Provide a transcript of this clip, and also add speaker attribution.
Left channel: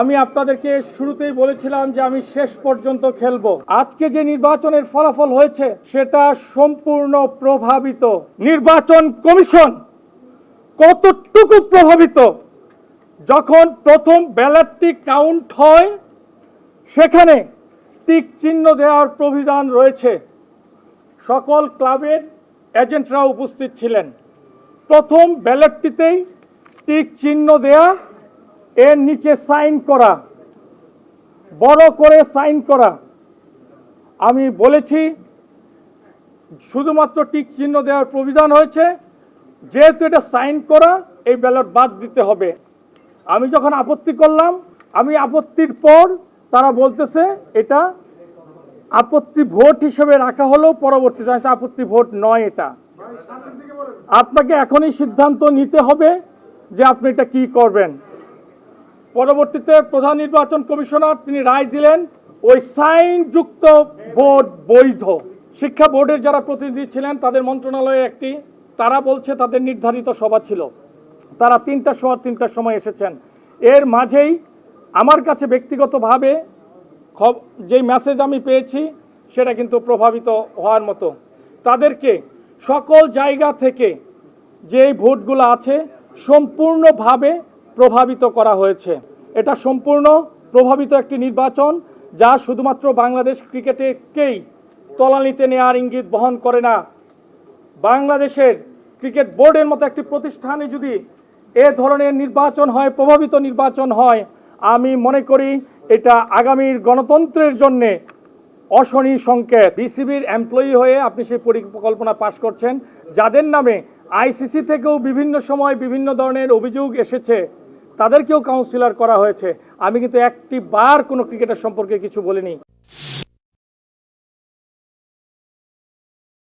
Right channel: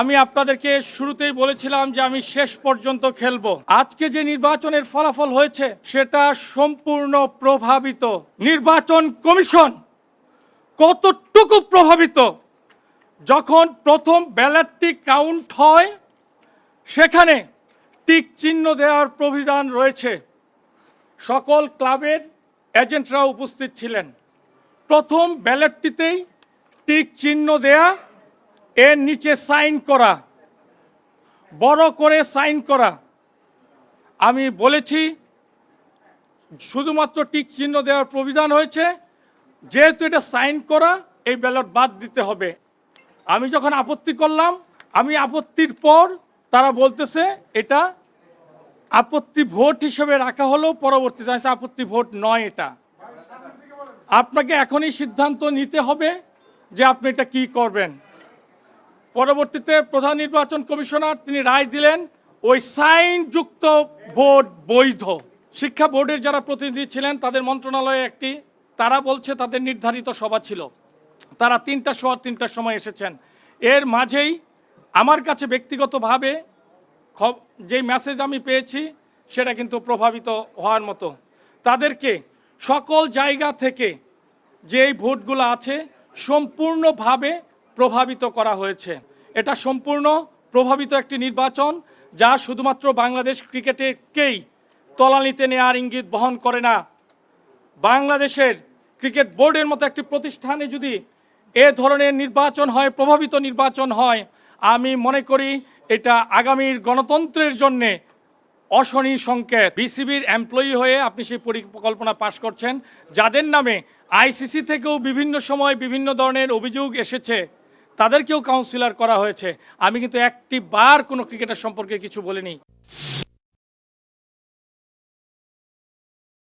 Speaker 1: আমি আপনাদেরকে শুরুতেই বলেছিলাম যে আমি শেষ পর্যন্ত খেলব। আজকে যে নির্বাচনের ফলাফল হয়েছে, সেটা সম্পূর্ণ প্রভাবিত। নির্বাচন কমিশন কতটুকু প্রভাবিত? যখন প্রথম ব্যালটটি কাউন্ট হয়, সেখানে টিক চিহ্ন দেওয়ার প্রবিধান রয়েছে। সকল ক্লাবের এজেন্টরা উপস্থিত ছিলেন। প্রথম ব্যালটটিতেই টিক চিহ্ন দেয়া এর নিচে সাইন করা, বড় করে সাইন করা। আমি বলেছি, শুধুমাত্র টিক চিহ্ন দেওয়ার প্রবিধান হয়েছে, যেহেতু এটা সাইন করা, এই ব্যালট বাদ দিতে হবে। আমি যখন আপত্তি করলাম, আমি আপত্তির পর তারা বলতেছে, এটা আপত্তি ভোট হিসেবে রাখা হলেও পরবর্তীতে আপত্তি ভোট নয় এটা। আপনাকে এখনই সিদ্ধান্ত নিতে হবে যে আপনি এটা কি করবেন। পরবর্তীতে প্রধান নির্বাচন কমিশনার তিনি রায় দিলেন, ওই সাইন যুক্ত ভোট বৈধ। শিক্ষা বোর্ডের যারা প্রতিনিধি ছিলেন, তাদের মন্ত্রণালয়ে একটি, তারা বলছে তাদের নির্ধারিত সভা ছিল। তারা তিনটা সময় তিনটার সময় এসেছেন। এর মাঝেই আমার কাছে ব্যক্তিগতভাবে যেই মেসেজ আমি পেয়েছি, সেটা কিন্তু প্রভাবিত হওয়ার মতো। তাদেরকে সকল জায়গা থেকে যে ভোটগুলো আছে, সম্পূর্ণভাবে প্রভাবিত করা হয়েছে। এটা সম্পূর্ণ প্রভাবিত একটি নির্বাচন যা শুধুমাত্র বাংলাদেশ ক্রিকেটেকেই তলানিতে নেওয়ার ইঙ্গিত বহন করে না। বাংলাদেশের ক্রিকেট বোর্ডের মতো একটি প্রতিষ্ঠানে যদি এ ধরনের নির্বাচন হয়, প্রভাবিত নির্বাচন হয়, আমি মনে করি এটা আগামীর গণতন্ত্রের জন্যে অশনি সংকেত। বিসিবির এমপ্লয়ি হয়ে আপনি সেই পরিকল্পনা পাশ করছেন, যাদের নামে আইসিসি থেকেও বিভিন্ন সময় বিভিন্ন ধরনের অভিযোগ এসেছে। তাদেরকেও কাউন্সিলর করা হয়েছে। আমি কিন্তু একটি বার কোনো ক্রিকেটার সম্পর্কে কিছু বলিনি।